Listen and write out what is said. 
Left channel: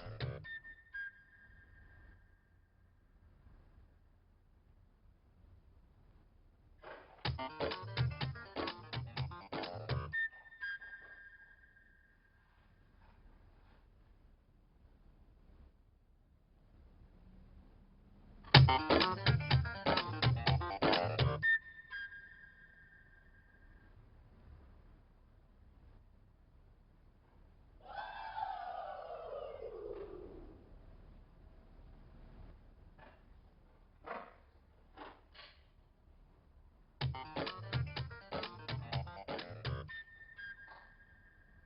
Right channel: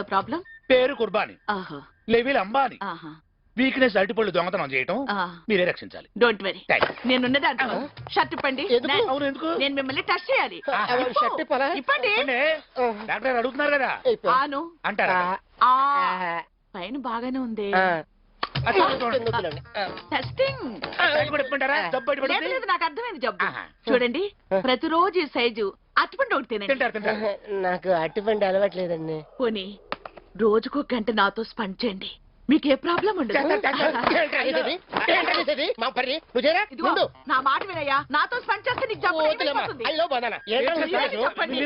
The problem? పేరు కుర్బాని, level Ambani, weakness అరటిపళ్ళు దొంగతనం చేయటం. మీరే రక్షించాలి. డోంట్ వరీ, నేనున్నది అంటాను. షర్ట్ ఇప్పండి. నేను మిమ్మల్ని టచ్ చేయాలి. ఇప్పండి. డాక్టర్ అడుగుతున్నారు కదా ఆను అంటారా? పైన బాగానే ఉంది. నాకు అర్థమైంది జబ్బు. చూడండి, ప్రతిరోజు ఈ సైజు అరటిపండు ఒకటి తినండి. నాకు అరటిపండు అలవాట్లేదండి. పోనీ రోజుకు గంట నాతో స్పెండ్ చేయండి, మీకు ఏ ప్రాబ్లం ఉండదు. నా మాట వినయ్యా, నాతో స్పెండ్ చేస్తే నీకు జబ్బు అయిపోతుంది. చెప్పండి.